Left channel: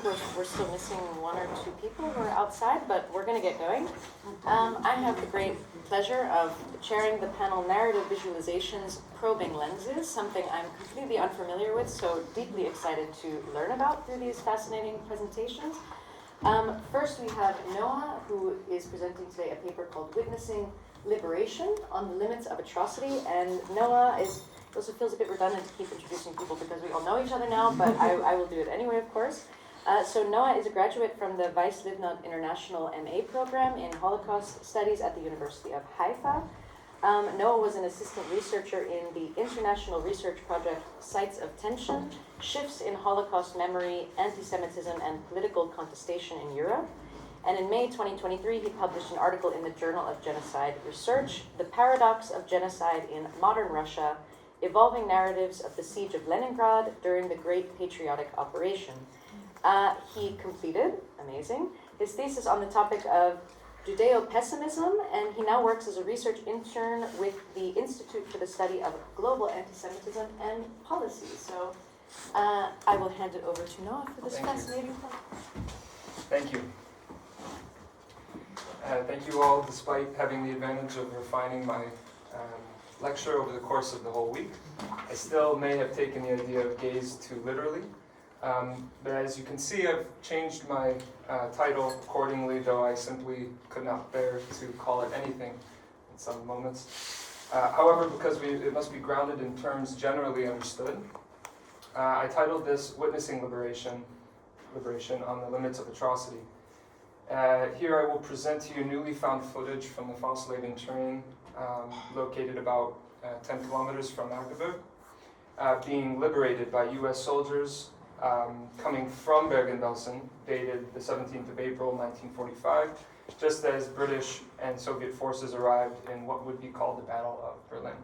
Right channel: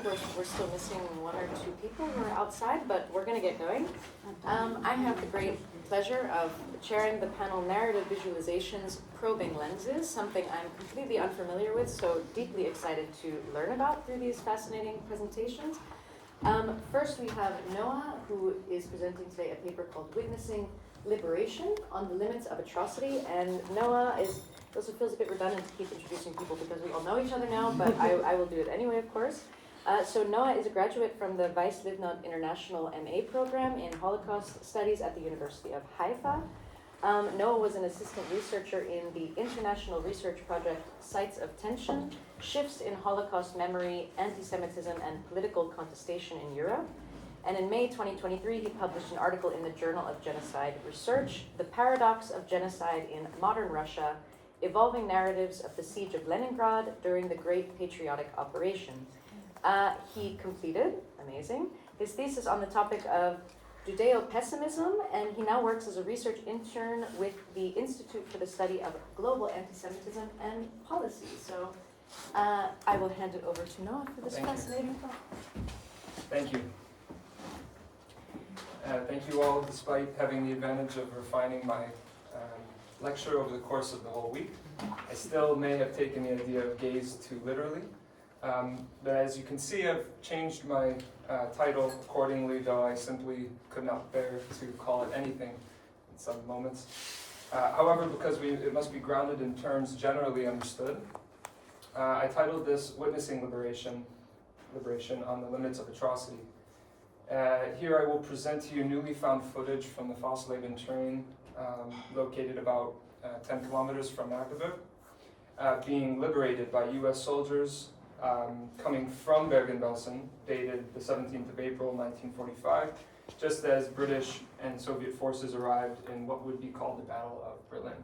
think we're still missing one or two people who are outside, but we're going to get going. I have the great pleasure of chairing the panel Narrative Visualizations Probing Lenses, something I'm completely unfamiliar with, so deeply excited to learn about through these fascinating presentations. First, we have Noah, who is presenting today a paper called Witnessing Liberation on the Limits of Atrocity. And Noah also feels a bit redundant to keep introducing people because we all know each other now, but I will do it anyway, of course. So Noah is a graduate from the Weiss Livnod International MA program in Holocaust Studies at the University of Haifa. Noah was an assistant researcher in the international research project Sites of Tension, Shifts in Holocaust Memory, Anti-Semitism, and Political Contestation in Europe. And in May 2023, he published an article in the Journal of Genocide Research, The Paradox of Genocide in Modern Russia, Evolving Narratives of the Siege of Leningrad During the Great Patriotic Operation. He completed, amazing, his thesis on the topic of Judeo-pessimism, and he now works as a research intern with the Institute for the Study of Global Anti-Semitism and Policy. So I will hand it over to Noah for this fascinating talk. Thank you. Thank you all, despite having the advantage of refining my lecture over the course of the whole week. I still may have taken the idea of gaze too literally. But as you can see, I've changed my title accordingly, though I simply could not bear to call it anything in some moments. However, because it must be grounded in terms generally understood, I titled this Witnessing Liberation on the Limits of Atrocity. Here I will present to you newly found footage from the Socialist train located about 10 kilometers from Magdeburg, being liberated by US soldiers coming from Bergen-Belsen, dated the 17th of April, 1945, just as British and Soviet forces arrived in what would be called the Battle of Berlin.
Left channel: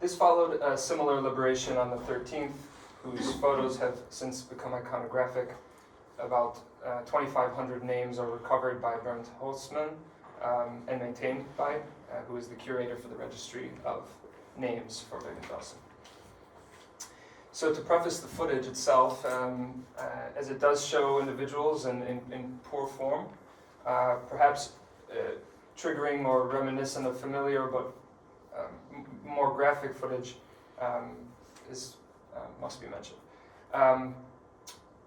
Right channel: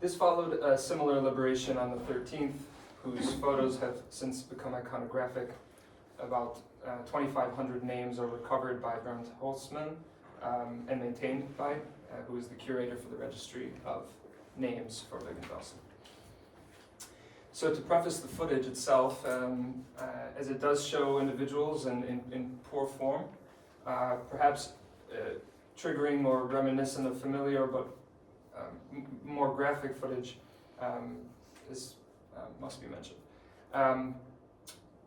This followed a similar liberation on the 13th, whose photos have since become iconographic. About 2,500 names are recovered by Bernd Holzmann and maintained by, who is the curator for the Registry of Names for Bergen-Belsen. So to preface the footage itself, as it does show individuals in poor form, perhaps triggering or reminiscent of familiar but more graphic footage must be mentioned.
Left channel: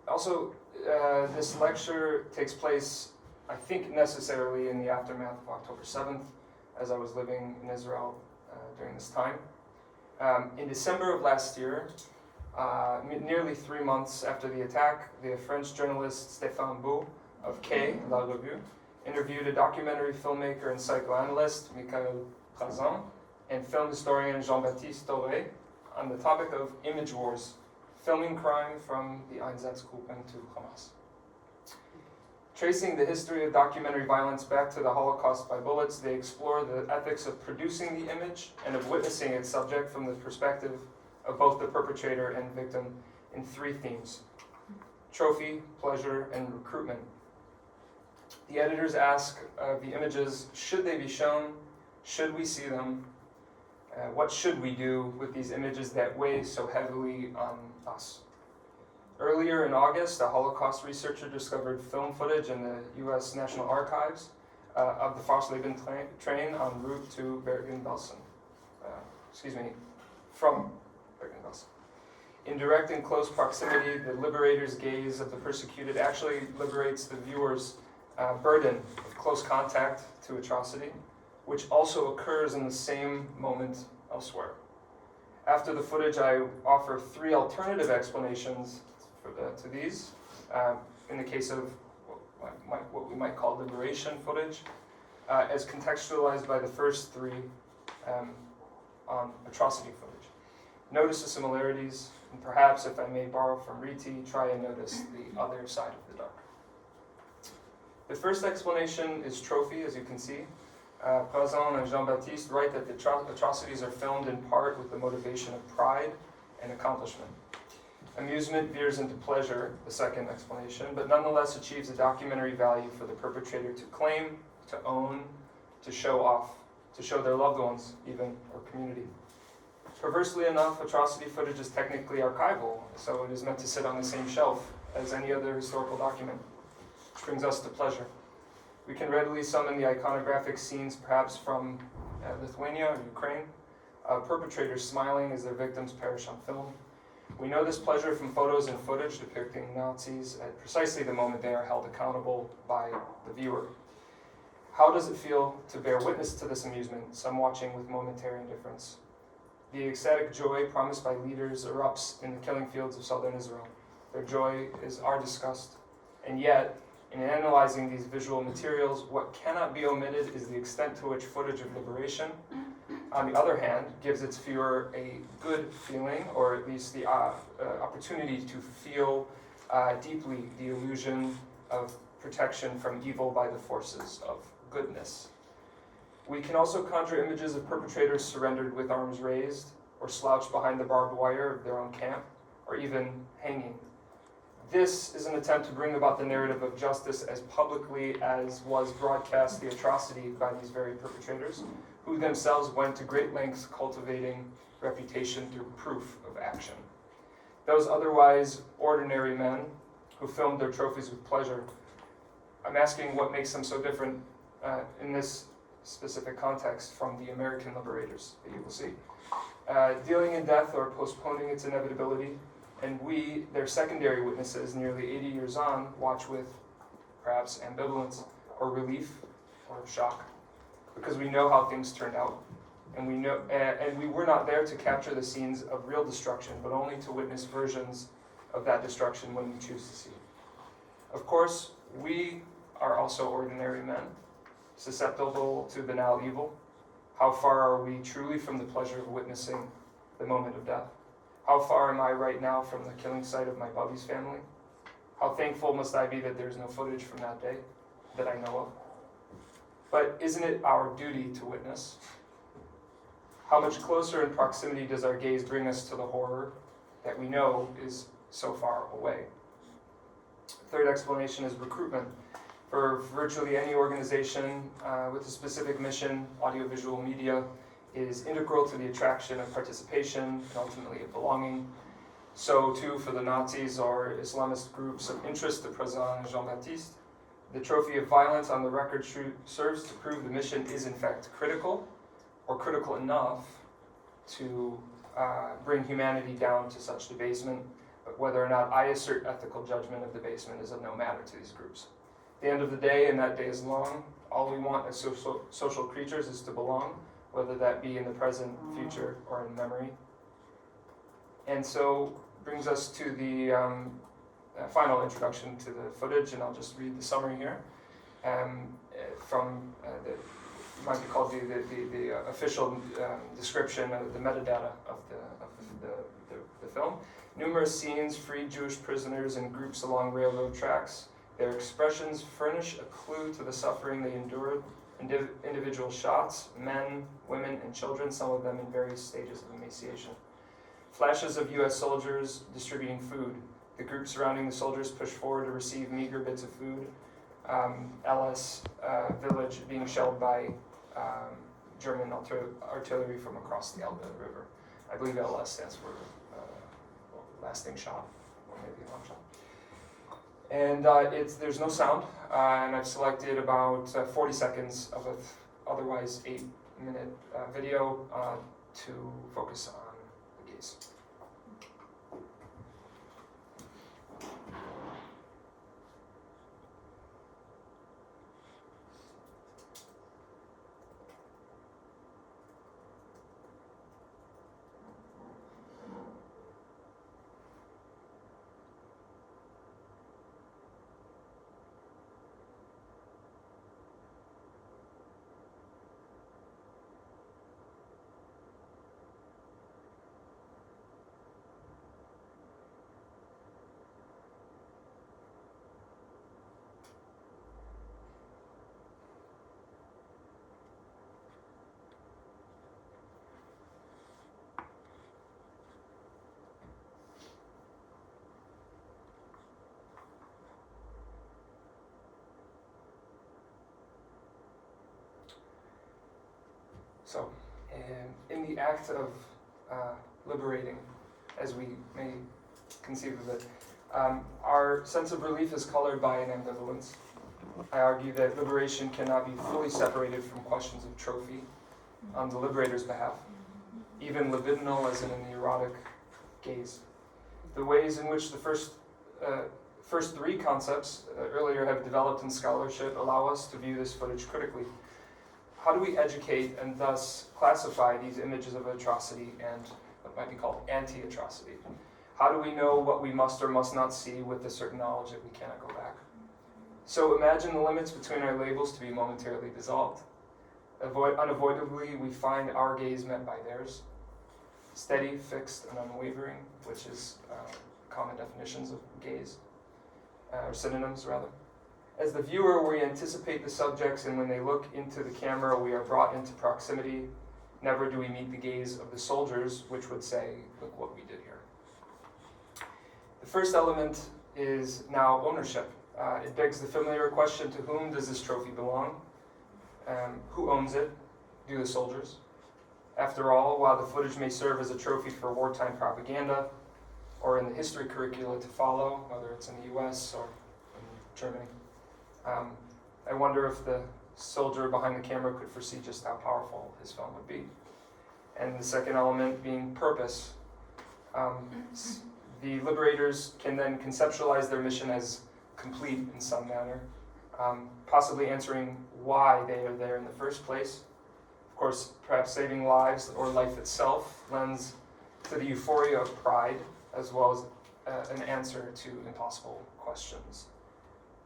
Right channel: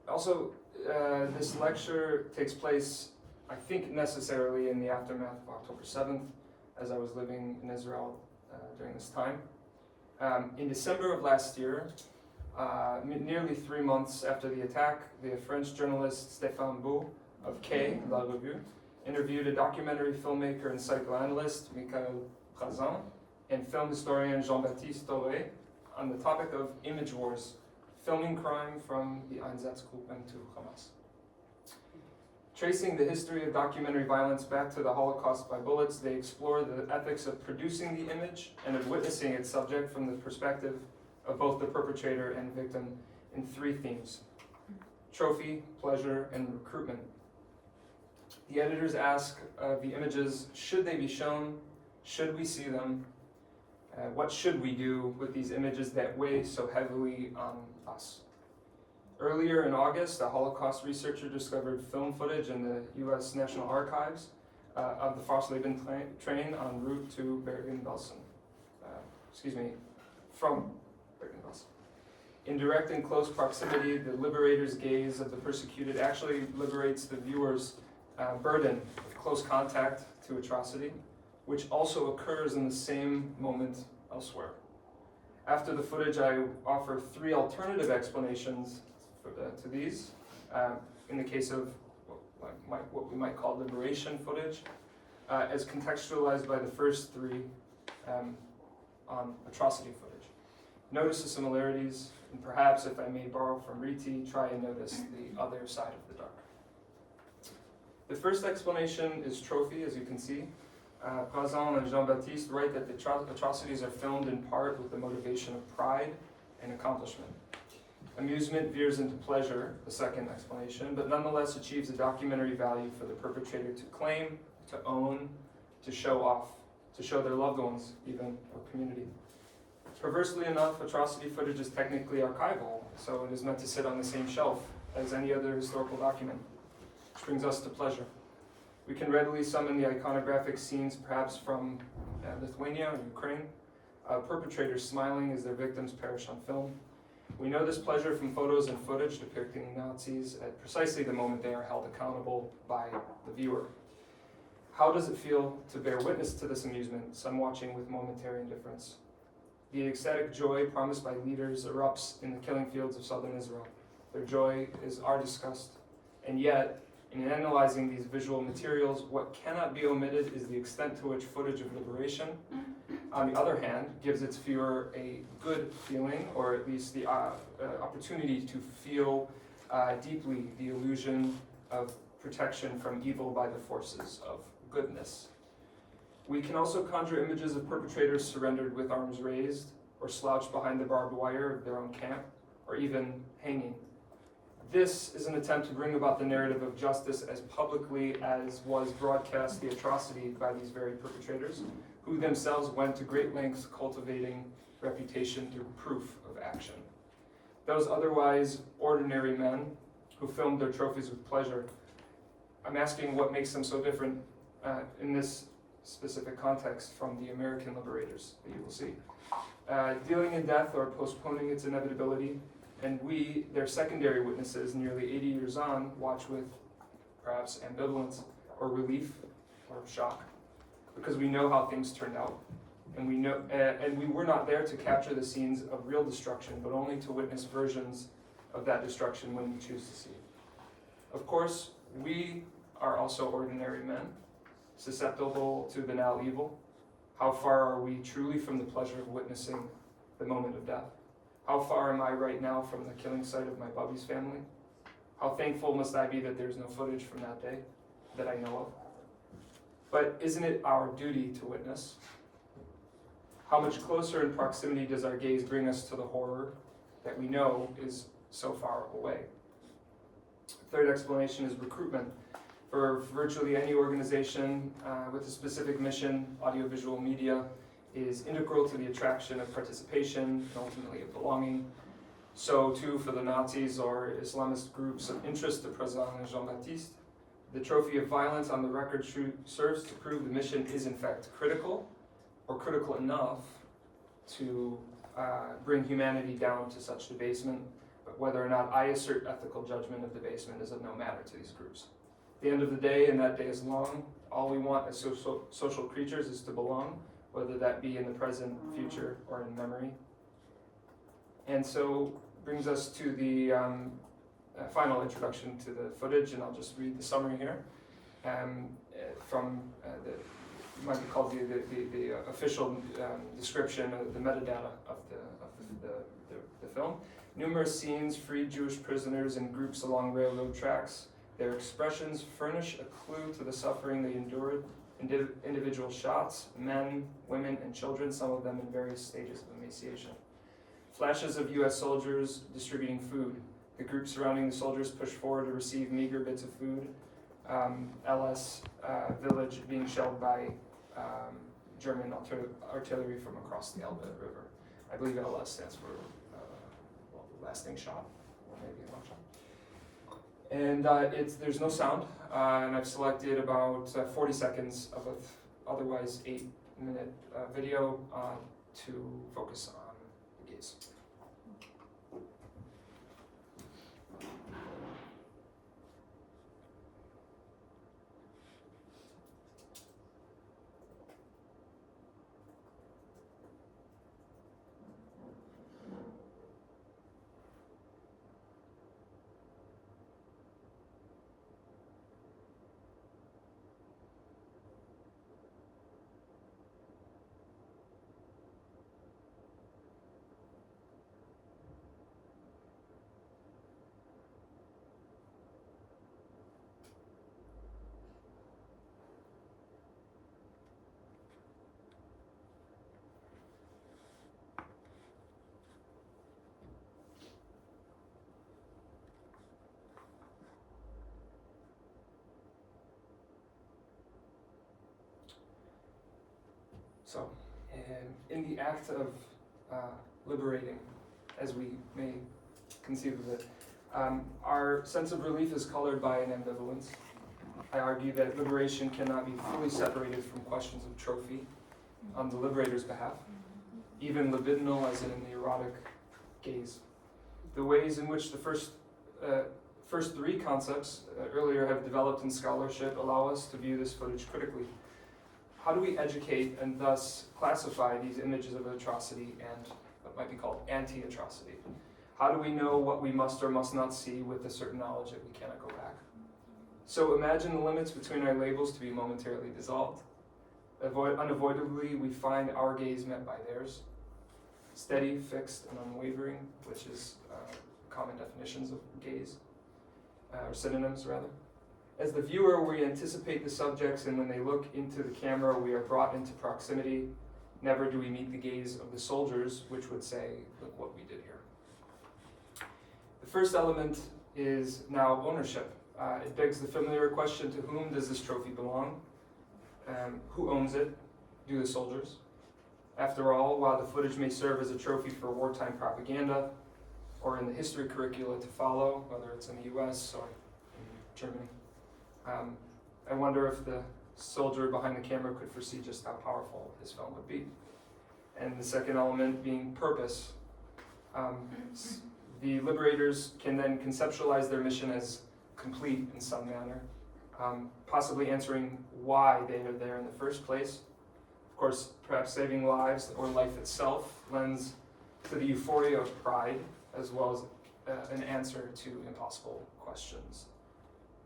Also, this lecture takes place, I think, necessarily in the aftermath of October 7th, as I was living in Israel during this time. In December of last year, nearly 3 months after the attack, the French journalist Stéphane Beau of Quai, La Revue, interviewed a documentary filmmaker and psychoanalyst, Michael Razan, and film historian Jean-Baptiste Toré on the topic of image wars, filming crime from the Einsatzgruppen to Hamas. Tracing the history of documentary violence back to the Holocaust by bullets, they explore the ethics of producing the image and of witnessing its subject from the perspective of both the perpetrator and victim in 3 themes: trophy, pleasure, and recruitment. The editors ask of the images, should they be shown? Should we see them? What should we do with these images that weigh so heavily on us? Earlier in August, a Holocaust researcher discovered film footage in the U.S. National Archives of the Socialist train en route to Bergen-Belsen. From Bergen-Belsen. In direct and close proximity, the liberator's gaze of the persecuted actually liberates the viewer's burden of close contact to atrocity, which also occurs in the same moment elsewhere. After the footage, I offer 3 alternative explanations to these. In the case of what we might call liberation footage, as contextualized by the first 3 on atrocity footage. Notice the similarities, and perhaps, if I may borrow from Riti, try and notice the other side of the dark. The first explanation is trophy, as you can see. Razan and Jean-Baptiste write that the atrocities are filmed in part with the motivation of pride and accomplishment. Amusement veers into pleasure, the second explanation, but nonetheless achieves a documentary value for the perpetrator to claim, to own, to show off, to show their loved ones, even, or community. Perversely enough, atrocity footage is technically archival, so it is meant to sit on the same shelf as any other historical document, which brings us to pleasure. We can readily summon the iconographic scenes perhaps from Lithuania or Ukraine, perpetrators smiling as their victims perish on film. We know this pleasure from photos and footage depicting Nazis at precisely the moment they are held accountable by the viewer. How does it feel to bear witness to this amusement, some watching with momentary indifference? The ecstatic joy promised by leaders erupts in the killing fields of southern Israel. Their joy is our disgust, and yet, in analyzing these visual materials, what cannot be omitted is the extent to which footage of liberation, on the other hand, gives its viewer a good feeling, or at least the opportunity to feel deeply the illusion of protection from evil by the forces of goodness. We can also conjure images of perpetrators surrendered with arms raised, or slouched behind the barbed wire of their own camp, or even hanging. This is an attempt to bring about the narrative of justice as publicly as was broadcast the atrocity by these very perpetrators, who themselves went to great lengths cultivating reputation through proof of action. Those otherwise ordinary men who filmed their trophies with pleasure, I'm asking what makes them so different in this specific context from the American liberators that you will see. Dealing in death or postponing its inevitability, and we, their secondary witnesses, nearly 80 years on, watch with perhaps ambivalence or relief or shock, because we know how things turned out, and we were not there to capture the scenes of real destruction, but only to witness versions of that destruction when we choose to see it. Of course, we are also ordinary men, susceptible to banal evil. How far are we truly from the pleasure of witnessing the moment of death? How far am I right now from the killing site of my Bubby's family? How thankful must I be that there's no footage from that day that I know of? But isn't it our duty to witness? How much closer in proximity does our gaze bring us to the horror that we know is so far away? Third explanation is recruitment. For virtually any organization with a specific mission, audiovisual media is integral to the attraction of participation and ultimately of belonging. So too for the Nazis or Islamist groups of interest to President Jean-Baptiste. The trophy of violence on the record serves to prove the mission is in fact critical, or critical enough to bring humanity down to such debasement, but whether or not I assert ethical judgment of debasement is of no matter to these groups. At the end of the day, and that day is long, all we want as social creatures is to belong, whether that be in the present, future, or in memory. And so brings us to the final introduction to the footage, and I'll just read the summary here from might be called the official description of the metadata of the film. Numerous scenes, freed Jewish prisoners in groups along railroad tracks. Their expressions furnish a clue to the suffering they endured. Individual shots, men, women, and children, some of them in various stages of emaciation. Flashes of U.S. soldiers distributing food. The group surrounding the soldiers push forward to receive meager bits of food. LS village being shelled by German artillery from across the Elbe River. I believe LS stands for lasting shot, or maybe long shot. And there's no sound, and I've selected about 40 seconds of an otherwise 8-minute video to focus on the gaze. So, in the act of liberating, as we may conceive of it, Our sense of relief is colored by an ambivalence. I argue that liberation cannot be fully separated from questions of trophy on the liberator's behalf, even libidinal as in the erotic gaze. The ways in which the first three concepts earlier have developed in scholarship allow us to view this footage critically. How do we educate and thus classify these images of atrocity and what might be called anti-atrocity? How do we know what we must or must not see with a certain knowledge that we cannot go back? So imagine the limits between our labels to be momentarily dissolved. Unavoidably, we find our gaze met by theirs. Steady, fixed, and unwavering, which is common definitions of gaze, or synonyms rather. As the viewer, we anticipate the subjects, and when they look into the camera, we are brought into proximity. Never do we meet the gaze of the soldiers, which would say, look what we did here. The first element is now ownership. It begs the familiar question, to whom does this trophy belong? Who owns it? Do the soldiers? After all, while the footage may serve as a trophy for wartime propaganda, or in the history curricula to follow, whether it's in the US or in Germany, I wonder if the soldier behind the camera could foresee just how powerful his film would be. And the second element being purpose. The liberators can then conceptualize their mission as complete in some manner, possibly answering why they are there in the first place. Of course, perhaps saving lives or life itself lends to the euphoria of pride, as well as an answer to impossible questions.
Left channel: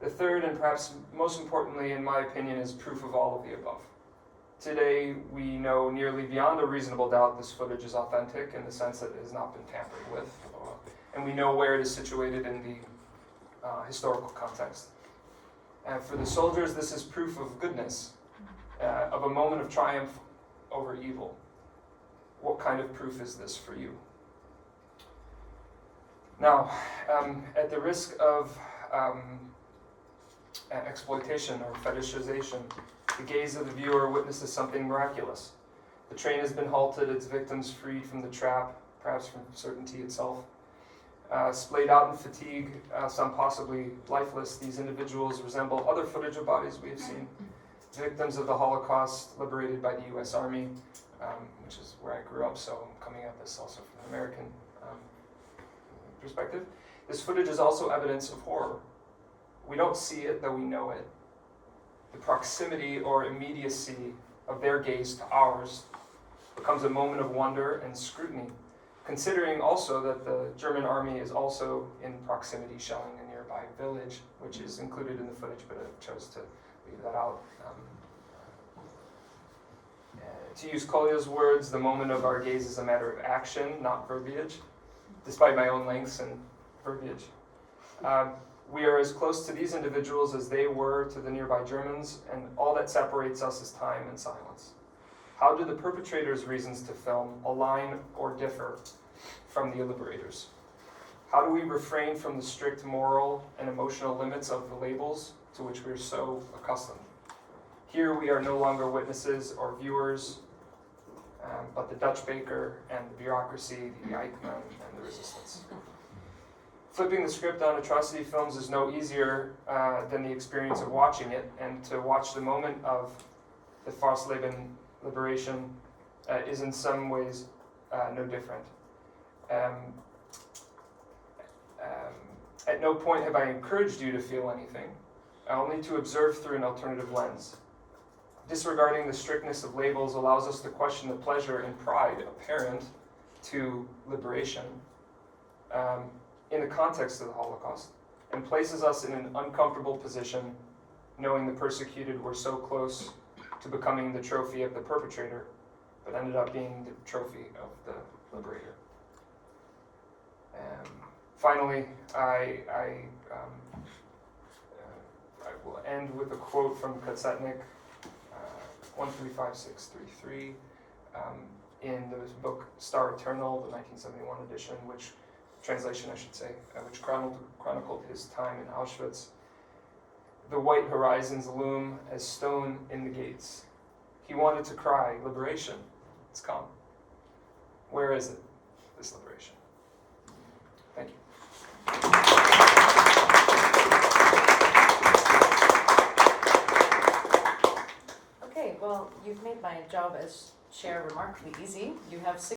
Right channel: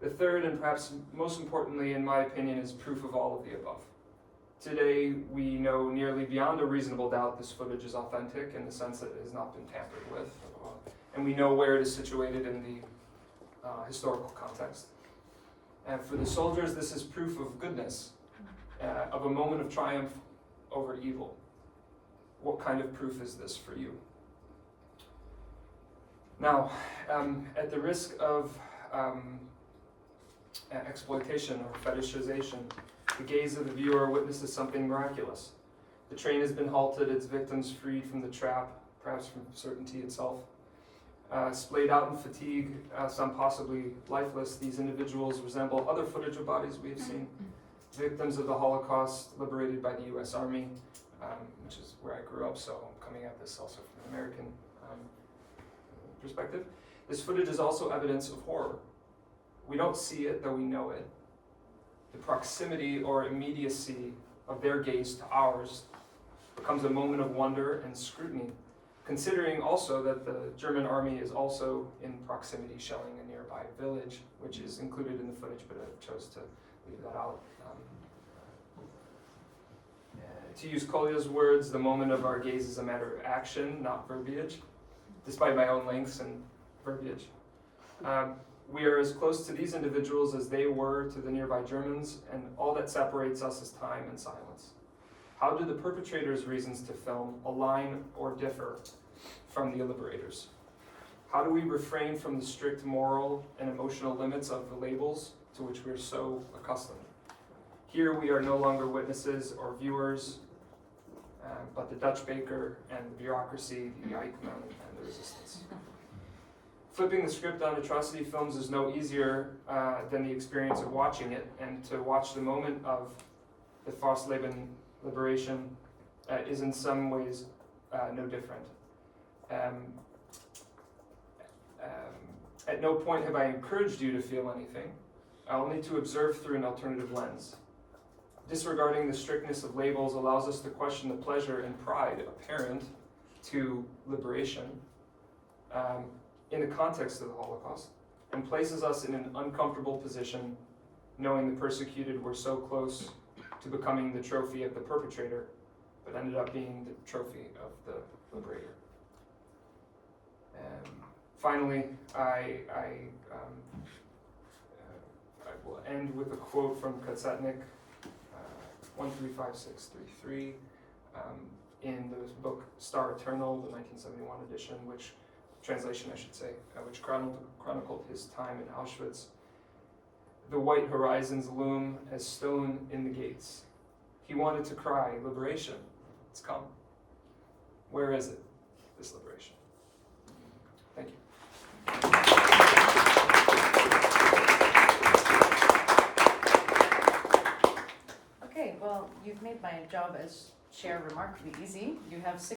The third, and perhaps most importantly, in my opinion, is proof of all of the above. Today, we know nearly beyond a reasonable doubt this footage is authentic in the sense that it has not been tampered with, and we know where it is situated in the historical context. And for the soldiers, this is proof of goodness, of a moment of triumph over evil. What kind of proof is this for you? Now, at the risk of exploitation or fetishization, the gaze of the viewer witnesses something miraculous. The train has been halted, its victims freed from the trap, perhaps from certainty itself. Splayed out in fatigue, some possibly lifeless, these individuals resemble other footage of bodies we have seen. Victims of the Holocaust, liberated by the US Army, which is where I grew up, so I'm coming at this also from an American perspective. This footage is also evidence of horror. We don't see it, though we know it. The proximity or immediacy of their gaze to ours becomes a moment of wonder and scrutiny, considering also that the German army is also in proximity, shelling a nearby village, which is included in the footage, but I chose to leave that out. To use Kolya's words, the moment of our gaze is a matter of action, not verbiage, despite my own lengths and verbiage. We are as close to these individuals as they were to the nearby Germans, and all that separates us is time and silence. How do the perpetrators' reasons to film align or differ from the liberators? How do we refrain from the strict moral and emotional limits of the labels to which we are so accustomed? Here we are no longer witnesses or viewers, but the Dutch baker and the bureaucracy, the Eichmann and the resistance. Flipping the script on atrocity films is no easier than the experience of watching it, and to watch the moment of the Fasleben liberation is in some ways no different. At no point have I encouraged you to feel anything, only to observe through an alternative lens. Disregarding the strictness of labels allows us to question the pleasure and pride apparent to liberation in the context of the Holocaust, and places us in an uncomfortable position, knowing the persecuted were so close to becoming the trophy of the perpetrator, but ended up being the trophy of the liberator. Finally, I will end with a quote from Katsetnik, 135633, in the book Star Eternal, the 1971 edition, which translation I should say, which chronicled his time in Auschwitz. The white horizons loom as stone in the gates. He wanted to cry, liberation, it's come. Where is it, this liberation? Thank you. well, you've made my job as chair remarkably easy. You have